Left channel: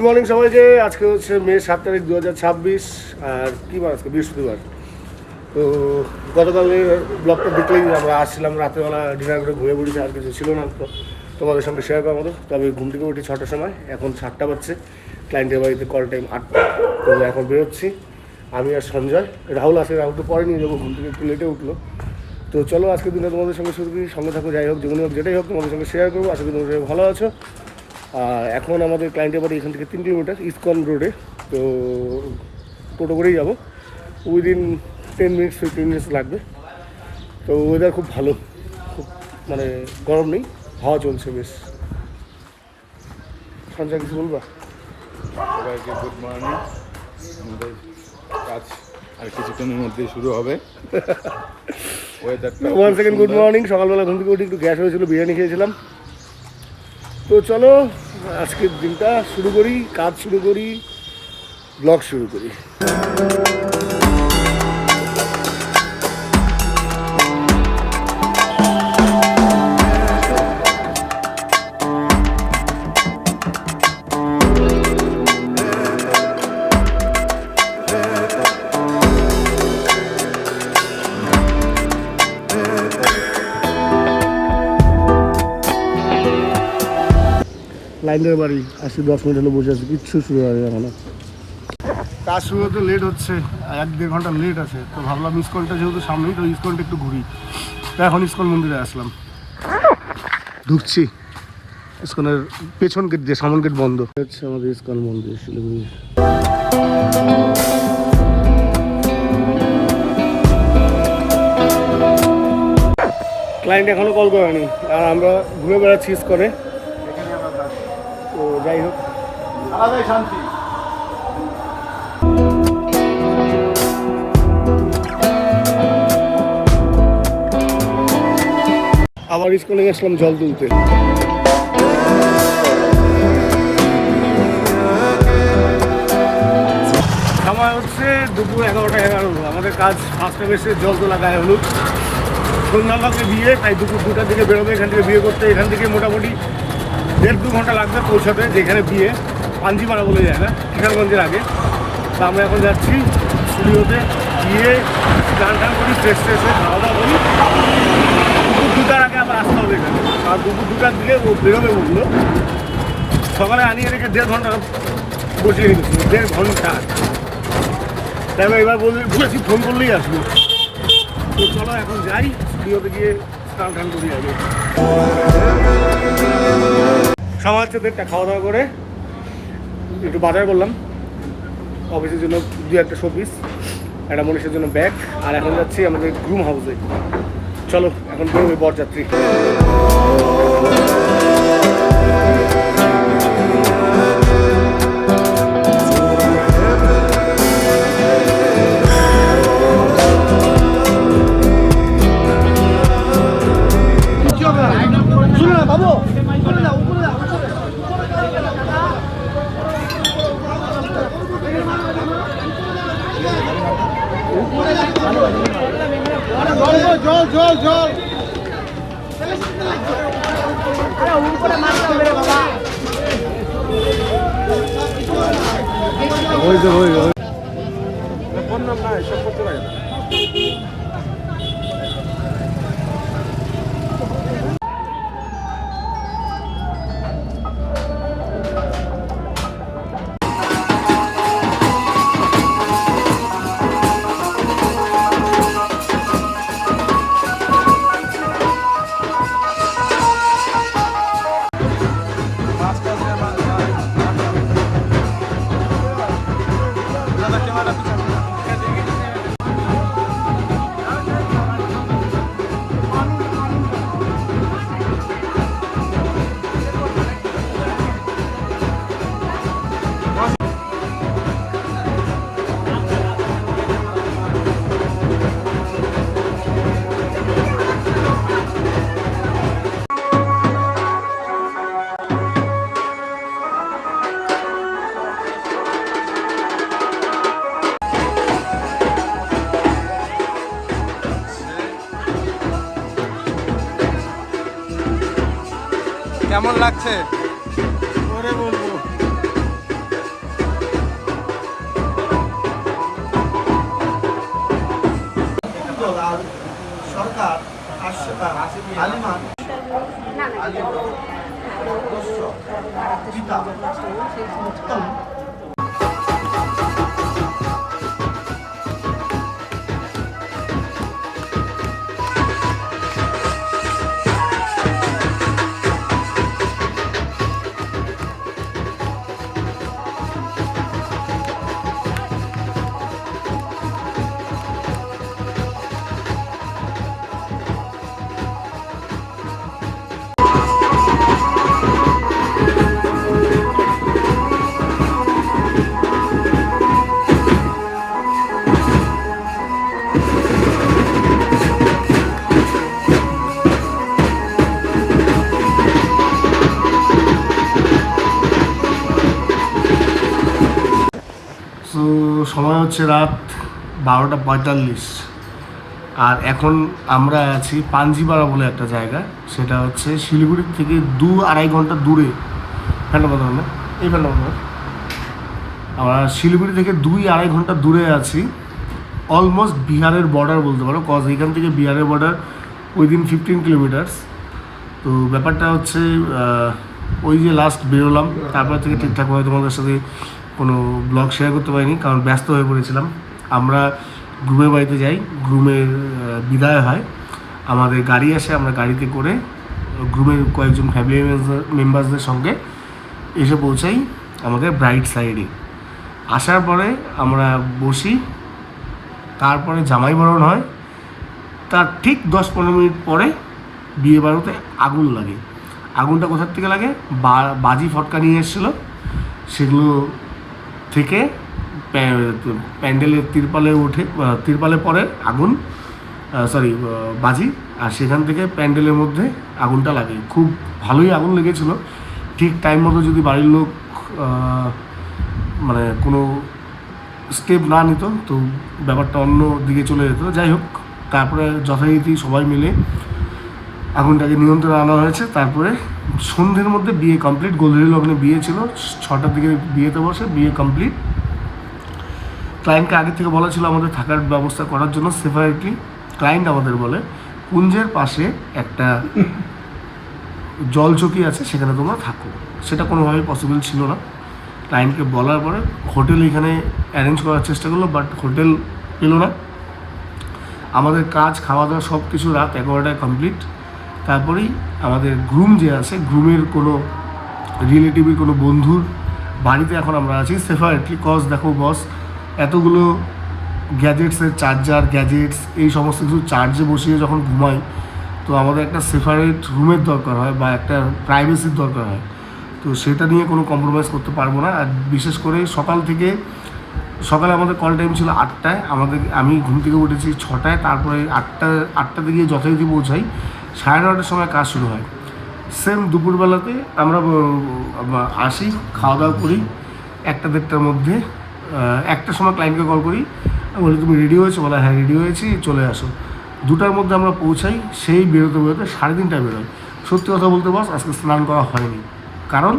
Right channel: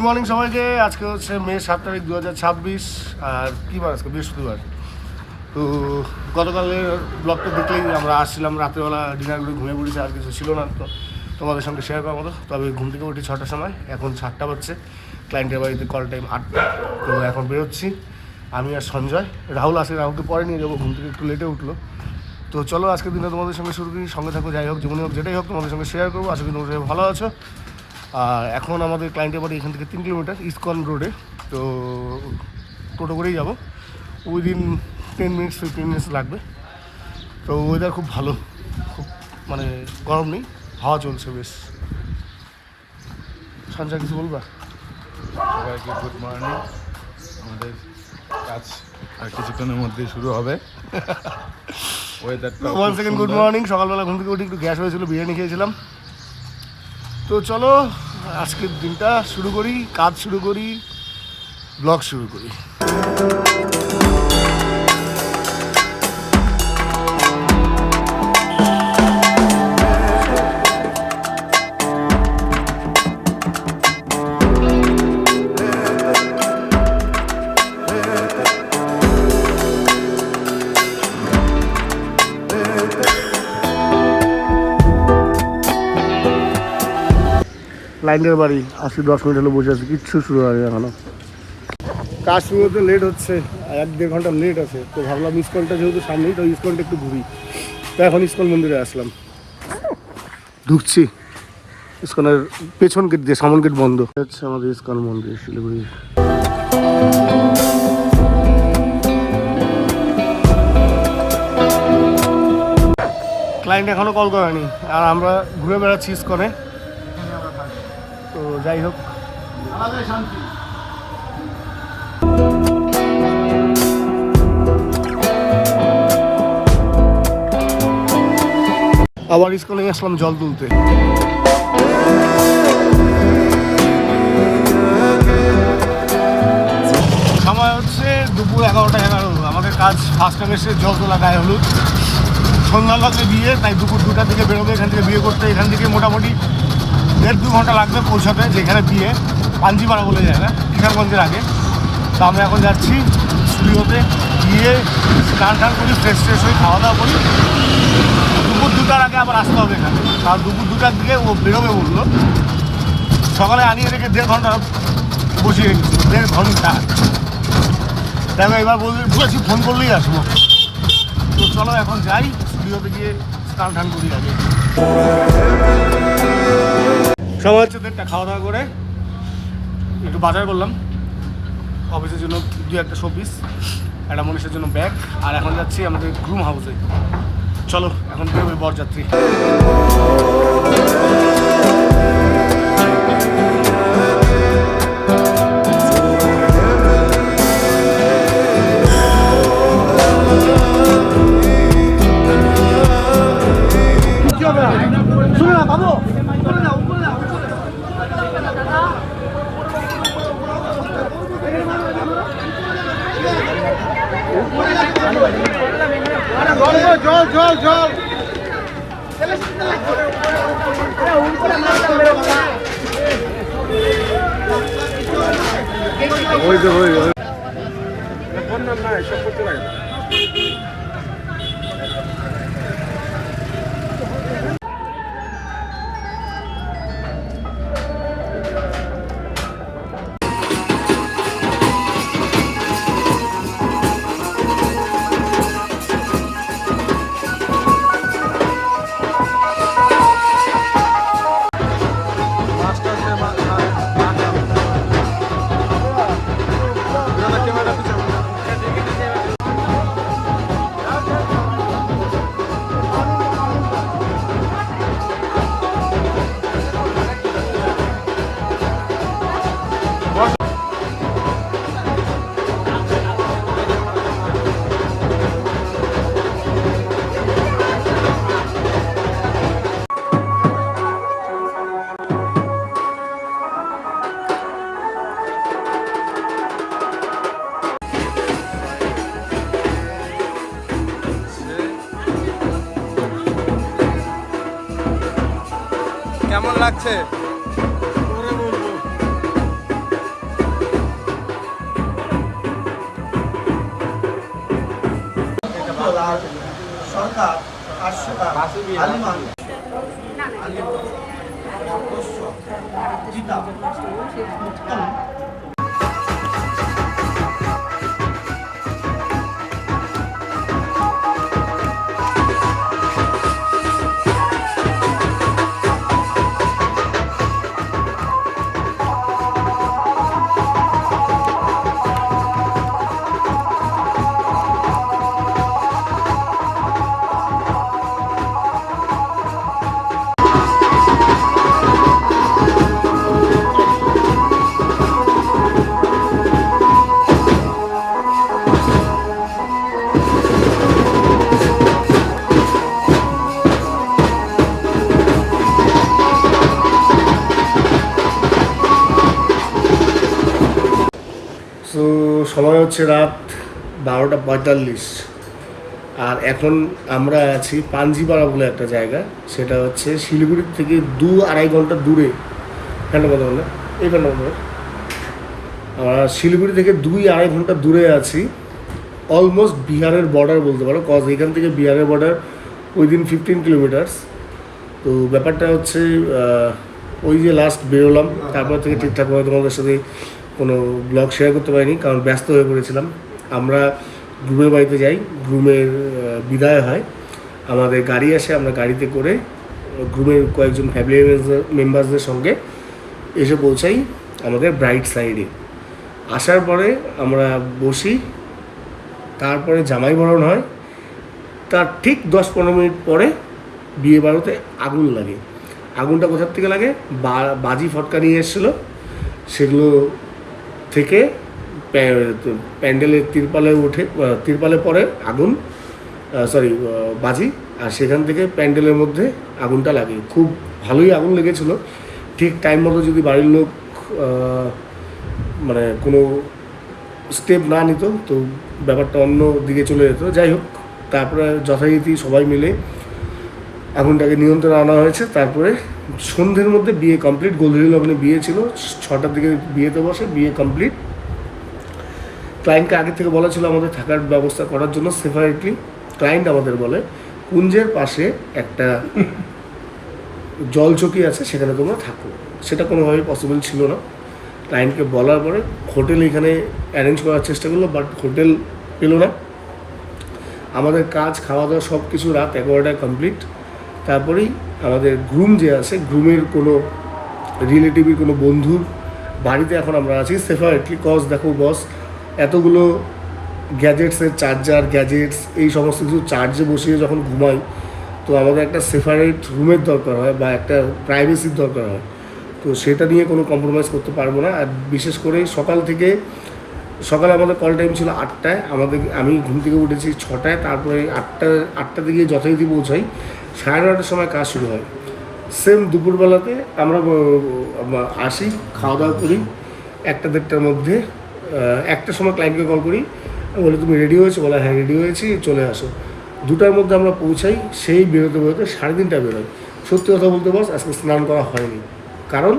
Good morning সবাইকে। আজকে হচ্ছে মে 7 তারিখ 2026 আর কী বার আজকে বৃহস্পতিবার। তো গতকালের ব্লগটা দেখলেই আমরা আসছিলাম রাতেরবেলা ডিনার করে ঘুরে ঘুরেছি, আর কিছু ছিল না তো তোমাদের সঙ্গে শেয়ার করার মতো। তবে ঘুম থেকে উঠি 6টার সময়, এখন 7টা বাজছে, ক্লায়েন্টের বাড়িতে কল টাইম 8টা। তো এখন বেরোচ্ছি আমি আর সঞ্জয়। রাহুল আসে, রাহুল তো পরে নিয়ে যাবো, ঘুম থেকে একটু লেটে উঠলো। তো চলো আজকের দিনে তোমাদের সঙ্গে শুরু করি, সঙ্গে থাকো, যাই হোক জীবনে হোক যেটাই হোক তোমাদের সঙ্গে শেয়ার করবো। আশা করি তোমাদের সঙ্গে ভালো আছো। এখন আমাদের ক্লায়েন্টের বাড়ি এখান থেকে 3 কিলোমিটার ইসকন রোডে, তো টোটো করেই যাবো। উইদিন 10 মিনিটস 15 মিনিটস লাগবে। তো ওয়েদার খুব ভালো, খুব মানে গরম নেই, হাওয়া চলছে বেশ। সঞ্জয় কিছু বলবা? সবাইকে গুড মর্নিং। আমাদের কাজ আর কিছুক্ষণের মধ্যেই শুরু হবে। One second good morning. সকালবেলা ঘুম থেকে উঠে একটু গ্যাস হয়েছিল, বিরিয়ানি খেয়েছিলাম। তো চলো আজকের দিনটা শুরু করি, কাজ শুরু করি, ব্লগ শুরু করি। ক্লায়েন্টের বাড়ি আসি 10 মিনিট হলো, বসে আছে, কিচ্ছু শুরু হয়নি এখনো। কাজ শুরু হতে লেট হচ্ছে, 1-1.5 ঘন্টা লেট আছে। তো ভাবলাম ইসকনটা যেহেতু সামনেই, তো ইসকনটা একটু ঘুরি। তো এখন ইসকন মন্দিরে আসলাম, ঢুকছি ইসকনের পেছন গেট দিয়ে, সামন গেট বন্ধ হচ্ছে আমাদের ইসকন মন্দির শিলিগুড়ি। ক্লায়েন্ট এখনো কল করেনি আর আমরা ঘুরে বেড়াচ্ছি ইসকনে। তো যাই হোক, আলাদাই শান্তি। আবার ইসকনে আসলাম জল তুলতে। সময় হচ্ছে দুপুর 11টা 11। আমাদের কাজ ফার্স্ট টাইম এসে জল তোলা, গায়ে হলুদ, সন্ধ্যার লগে বিয়ে, তাই দুপুর 2টার দিকে বেরোবে এখান থেকে বিয়ে করতে। এখান থেকে মোটামুটি 1.5-2 ঘন্টা লাগবে পৌঁছাতে, যেখানে বিয়ে পাঞ্জিপাড়া বলে যায় না, কিষানগঞ্জের আগে। তা আমরা এখন যাচ্ছি স্টুডিওতে, গিয়ে স্নান টান করি, ফ্রেশ হয়ে খাওয়া দাওয়া করি। দুপুর 2টার আগে আবার আসতে হবে এখানে, আর দুপুর 2টার দিকে ও বেরোবে বললো। সকালে আনিয়ে রেখে 1.5 ঘন্টা বসিয়ে রেখেছি, 1.5 ঘন্টা। তাই এবার বলেছি ফোন করলেই আসবো। তো চলো এখন যাই স্টুডিওতে গিয়ে স্নান টান করি আগে। সময় হচ্ছে 1:30, খাওয়া দাওয়া করে একটু বাজার করলাম অফিসের জন্য, 2-1টা শোপিস, একটা মনীষের জন্য ব্যাগ। আর এখন যাচ্ছি আমাদের গ্রুম হাউসে। চলো এখন বেরোবে বরযাত্রী। জল জল ওই যে ওই ফোন নাম নাই, সব করতে লাগে। কেমন লাগছে? সরকার আলিমান গীতা উত্তম তো সময় হচ্ছে রাত 12:45 আর এখন আমরা আছি পাঞ্জিপাড়া বলে একটা জায়গা, সেটা হচ্ছে শিলিগুড়ি থেকে 2-2.5 ঘন্টা দূরে। ফ্যানটা কথা বলে এই ফ্যানটা কথা আমরা শিলিগুড়ি থেকে 2-2.5 ঘন্টা দূরে আছি, অলমোস্ট বিহারের বর্ডার বলতে পারো, কজ এখান থেকে বিহারের বর্ডার উইদিন 15 কিলোমিটার্স। তো ব্যাপারটা হচ্ছে ওই যে লাস্ট বেরোলাম, তারপর থেকে ঠিকঠাকভাবে তোমাদের সাথে কোনো ব্লগ শেয়ার করতে পারিনি, কারণ ব্যস্ত হয়ে পড়েছিলাম। আমরা গ্রুমের বাড়িতে যাই, গ্রুমের বিদায় হয়, আমাদের গাড়ি আসে, আমরা গাড়িতে করে গ্রুমের কয়েকজন ফ্যামিলি মেম্বার্সদের সঙ্গে এসে পৌঁছাই আমাদের ব্রাইট সাইডে। আসার পরে আমরা বসি, তারপরে জামাই বরণ হয়, তার ঠিক 10-15 মিনিট পরে বিয়ে বাড়িতে আগুন লাগে। আগুনটা কোথার থেকে লাগে? বাজি ফটকা নিয়ে এসেছিলো, সেগুলো থেকে প্যান্ডেলের তিরপালে পরে আগুন, সরি বাজি, আর সেখান থেকে প্যান্ডেলের মধ্যে আগুনটা লাগে। খুব ভালোই আগুন লেগেছিলো। ঠিক টাইম মতো যদি বাড়ির লোক মানে কোনো স্টেপ না নিত তো ব্যাপারটা অন্য দিকে চলে যেত। যাই হোক, তারপরে যথারীতি সবাই মিলে আগুনটাকে নিয়ন্ত্রণে আনা হয়েছে। তারপরে সন্ধ্যের মধ্যে বিয়ে কমপ্লিট। গোধূলি লগ্নে বিয়ে ছিল, 6টার দিকে বিয়েতে বসে, বিয়ে কমপ্লিট। ক্লায়েন্টকে আগে থেকে বলা ছিল আমাদের থাকার ব্যবস্থা করার জন্য সেপারেটলি। ক্লায়েন্ট আমাদের বলে কুঞ্জের পাশে একটা জলচকি আছে, সেখানে তোমরা থাকো। সেটা কোনোভাবেই পসিবল ছিল না। ক্লায়েন্টকে বলার পরে হোটেল এখানে অ্যারেঞ্জ করার চেষ্টা করলো, বাট হোটেল পেলো না। আমাদের কাজ, খাওয়া দাওয়া সব কিছু রাত 11টায় কমপ্লিট। তারপরেই আমাদের গ্রুম যে আছে, গ্রুমের কোনো রিলেটিভের কোনো বন্ধুর বাড়িতে এখন আমরা আছি সেপারেটলি। কজ দেখো বস, এতগুলো গ্যাজেটসের চার্জার, গ্যাজেটস, এই সমস্ত কিছু চার্জে বসিয়ে যখন ঘুমাই, তো আমাদের একটা সেপারেট রুমের দরকার হয় বা একটা প্রাইভেসির দরকার হয়। তো সেটা নিয়ে কোনো কম্প্রোমাইজ করতে পারবো না। আর বিশেষ করে সকালে আমাদের কল টাইম ছিল 8টায়, আমি ঘুম থেকে উঠেছি 6টায়, তারপরে 8টাতে গিয়ে যথারীতি পৌঁছাই, 9:30টার সময় কাজ শুরু হয়। সেম দুপুরবেলাতে আমরা আসি, খাওয়া দাওয়া করি 1টা-1:30টার মধ্যে। 1টার সময় ক্লায়েন্টকে কল করি, বলি তুমি রেডি হয়েছো? বলে হ্যাঁ রেডি হয়েছি, চলে আসো। 2টার মধ্যে আমরা পৌঁছাই, সেই বেরোতে 3:30টায় বেরোয়। সত্যি কথা বলতে বস, আজকে স্নান করা হয়নি, কারণ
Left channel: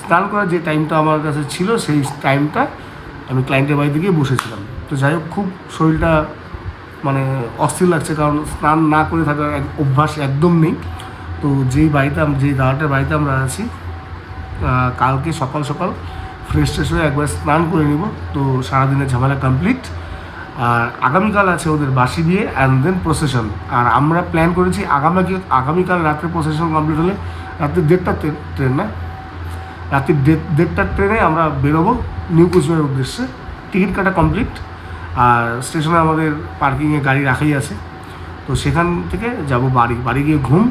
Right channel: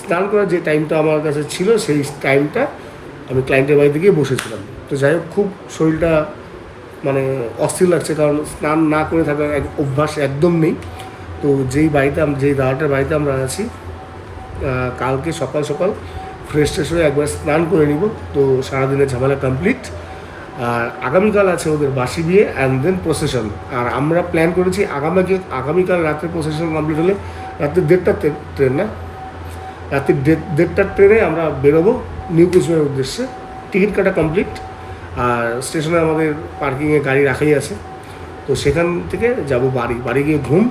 স্নান করার যে টাইমটা আমার কাছে ছিল সেই টাইমটা আমি ক্লায়েন্টের বাড়িতে গিয়ে বসেছিলাম। তো যাই হোক, খুব শরীরটা মানে অস্থির লাগছে, কারণ স্নান না করে থাকার অভ্যাস একদম নেই। তো যেই দাদাটার বাড়িতে আমরা আছি, কালকে সকাল সকাল ফ্রেশ হয়ে একবার স্নান করে নিব, তো সারাদিনের ঝামেলা কমপ্লিট। আর আগামীকাল আছে ওদের বাসি বিয়ে অ্যান্ড দেন প্রসেশন। আর আমরা প্ল্যান করেছি আগামীকাল রাত্রে প্রসেশন কমপ্লিট হলে, রাত্রি 1:30টার ট্রেন না, রাত্রি 1:30টার ট্রেনে আমরা বেরোবো নিউ কুচবিহারের উদ্দেশ্যে। টিকিট কাটা কমপ্লিট, আর স্টেশনে আমাদের পার্কিংয়ে গাড়ি রাখাই আছে। তো সেখান থেকে যাব বাড়ি গিয়ে ঘুম।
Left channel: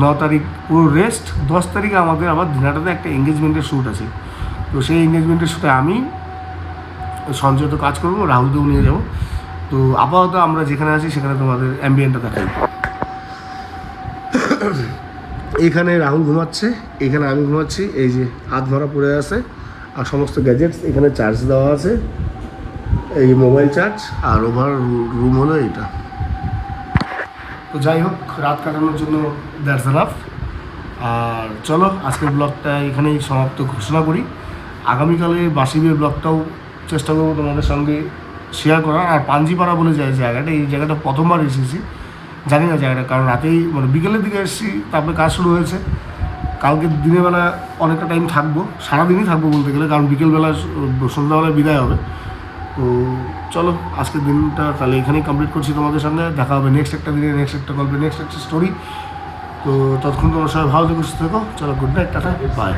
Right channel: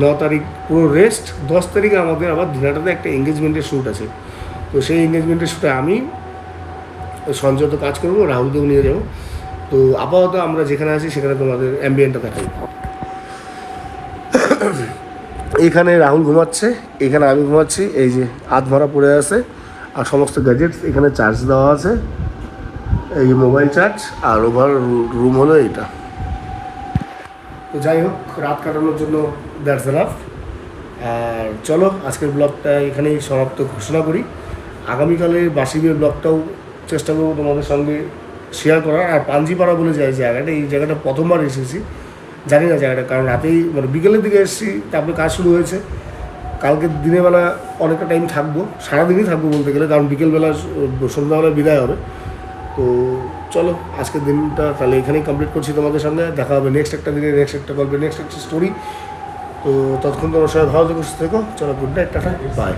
9 তারিখ পুরো রেস্ট। 10 তারিখে আমাদের আবার দিনাটাতে একটা এঙ্গেজমেন্টের শ্যুট আছে। তো সেই এঙ্গেজমেন্টের শ্যুটে আমি সঞ্জয় তো কাজ করবো, রাহুলকেও নিয়ে যাবো। তো আপাতত আমরা যেখানে আছি সেখানে তোমাদের অ্যাম্বিয়েন্টটা দেখাই। এখানে রাহুল ঘুমাচ্ছে, এখানে আমি ঘুমাচ্ছি, এই যে আধমরা পড়ে আছে, আর সমস্ত গ্যাজেটস এখানে চার্জ দেওয়া আছে, এই মোবাইল চার্জ, আর ওভার রুম হলো এইটা। তো যাই হোক, রাত কাটানোর জন্য দ্যাটস এনাফ। আর চলো আজকের ব্লগটা এখানেই সমাপ্ত ঘোষণা করি। আগামীকালের বাসি বিয়ের ব্লগটাও চেষ্টা করবো তোমাদের সঙ্গে শেয়ার করার। আর পাঞ্জিপাড়া বলে যায় জায়গাটা, এই জায়গাটা প্রথমবার এসেছি, জানি না জায়গাটা, কারণ রাতেই মানে বিকেলের দিকে এসেছি, তারপরে কাজ শুরু হয়েছে। কালকে দিনের বেলা অনেকটা টাইম থাকবো, সারাদিনই থাকবো বলতে গেলে, কারণ বিকেলবেলা সন্ধ্যাবেলায় বিদায় হবে। তো চলো আজকের দিনটা তাহলে এখানেই কমপ্লিট করছি তোমাদের সঙ্গে। দেখা হবে নেক্সট একটা দিনে, নেক্সট একটা গল্পে, নেক্সট একটা স্টোরি। তো ততক্ষণ তোমরা সবাই ভালো থেকো, সুস্থ থেকো। চলো, গুড নাইট, টাটা, বাই।